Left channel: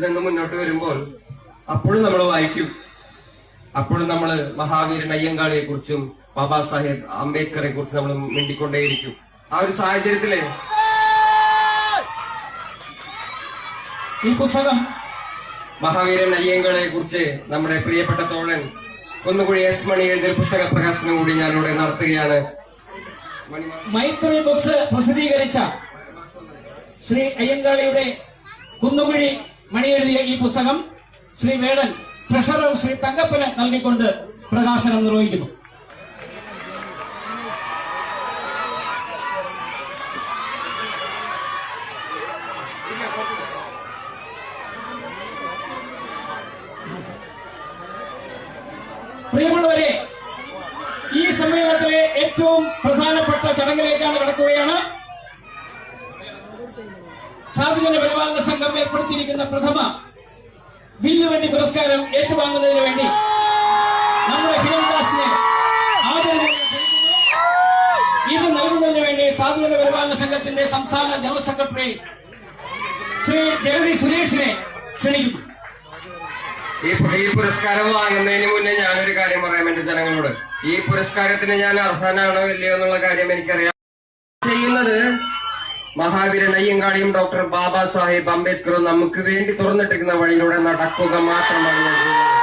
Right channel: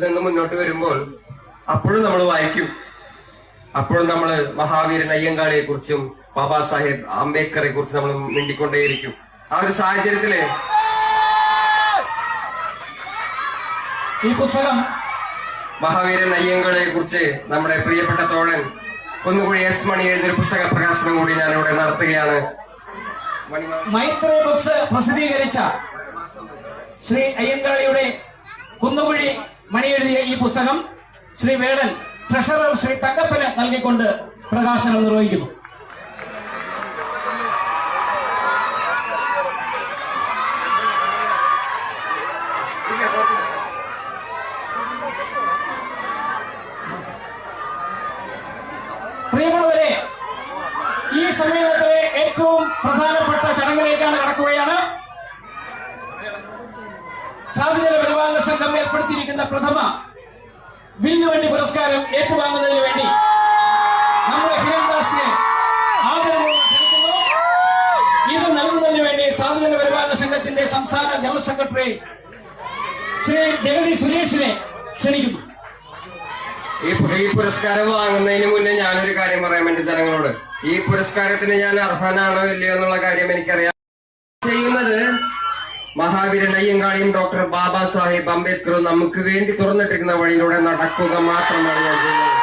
നിന്ന് മുന്നോട്ട് വരുമ്പോൾ അപ്പോഴും നമ്മൾ വായിക്കും. അപ്പോഴും നമ്മൾ മഹാവീരൻ അയ്യങ്കാളിയെ കുറിച്ചും ബാബാ സാഹേബ് അംബേദ്കറെ കുറിച്ച് നമ്മൾ മിണ്ടിക്കൊണ്ടേയിരിക്കും. ആ ഒരു സാഹചര്യത്തില് ഈ പുസ്തകം മഹാവീരൻ അയ്യങ്കാളിയെ കുറിച്ച് നമ്മുടെ പ്രിയപ്പെട്ട തോഴൻ കുന്നുകുഴി എസ് മണി എഴുതിയ പുസ്തക പ്രകാശനം കൂടി ഞാനിവിടെ നടത്തുകയാണ്. മൈത്രി ബുക്സ് പ്രസിദ്ധീകരിച്ച ശ്രീ അയ്യങ്കാളിയുടെ കുന്നുകുഴി മണി എഴുതിയ ഈ പുസ്തകം ശ്രീ വേടൻ ട്രഷറർ ശ്രീ തങ്കപ്പന് നൽകിക്കൊണ്ട് പ്രകാശനം നിർവഹിക്കുന്നു. പ്രിയമുള്ളവരെ, ഈ സമ്മേളനത്തിലെ ഏറ്റവും പ്രധാനപ്പെട്ട ചടങ്ങിലേക്കാണ് കടക്കുകയാണ്. സാധുജന പരിപാലന സംഘം ഏർപ്പെടുത്തിയിരിക്കുന്ന പ്രഥമ വില്ലുവണ്ടി പുരസ്കാരം ഏറ്റുവാങ്ങുന്നതിന് വേണ്ടി നമ്മുടെ ഹിരൺദാസിനെ ആദരവോടെ ക്ഷണിക്കുന്നു. ഇത് നൽകുന്നതിന് വേണ്ടി സാധുജന പരിപാലന സംഘത്തിന്റെ സംസ്ഥാന ജനറൽ സെക്രട്ടറി ശ്രീ ജഗതി സുരേഷിനെ ക്ഷണിക്കുന്നു. ഈ പുരസ്കാരം വാങ്ങുന്നതിന് മുന്നേ ഞാനൊരു കാര്യം പറയാം എന്റെ ജനങ്ങളോട്. ഈ പുരസ്കാരത്തിന് ഞാൻ അർഹനാണോ ഇല്ലയോ എന്നുള്ള കാര്യം എനിക്കറിയാം. ചെയ്യുന്നത് മഹാവീരൻ അയ്യങ്കാളിയും ഡോക്ടർ ബാബാ സാഹേബ് അംബേദ്കറും നമുക്ക് വേണ്ടി തുറന്നിട്ടിരിക്കുന്ന വഴിയിലൂടെ നടക്കുക മാത്രമാണ് ഞാൻ ചെയ്യുന്നത്.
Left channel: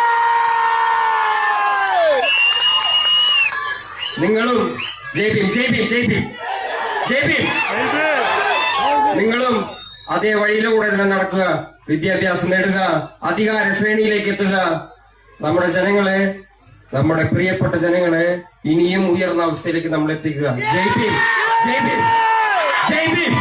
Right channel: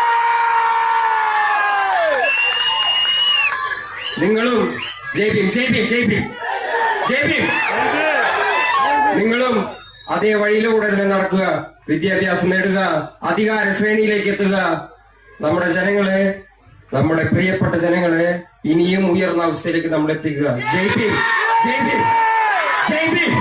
നിങ്ങളും ജയ് ഭീം ജയ് ഭീം ജയ് ഭീം ജയ് ഭീം നിങ്ങളും അതേ വഴിയിലൂടെ തന്നെ നടക്കുക, വിദ്യാഭ്യാസം നേടുക, അധികാര ശ്രേണിയിലേക്ക് എത്തുക. നമ്മുടെ ജനങ്ങളെ, നമ്മുടെ പ്രിയപ്പെട്ട ജനങ്ങളെ ഇനിയും ഉയർന്ന അവസ്ഥയിലേക്ക് നമ്മൾ എത്തിക്കുക. ജയ് ഭീം ജയ് ഭീം ജയ് ഭീം.